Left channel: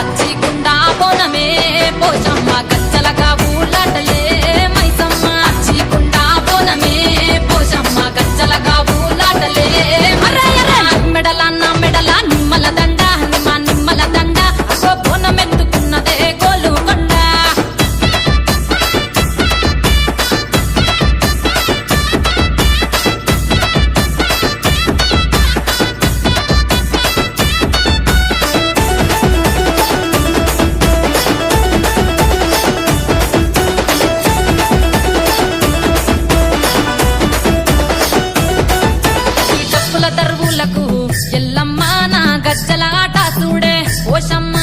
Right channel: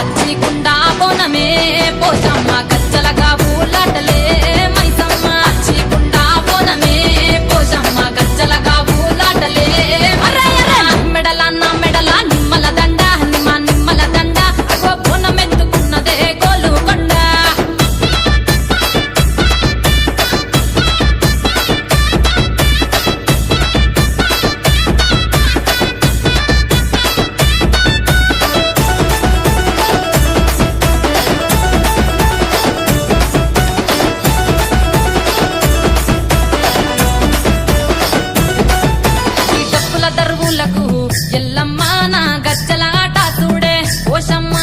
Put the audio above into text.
పచ్చికుండా బోనమే పోషమ్మ గజ్జలగా ఊలాటలే మైసమ్మ పచ్చికుండా బోనమే పోషమ్మ గజ్జలగా ఊలాటలే మెడల నా మెడల నిమ్మల దండ నిమ్మల దండ అగో బోనమెత్తుకున్నదే గోలుకొండ దర్వులకు ఎల్లమ్మ నా గజ్జల ఆట చూడే పోషమ్మ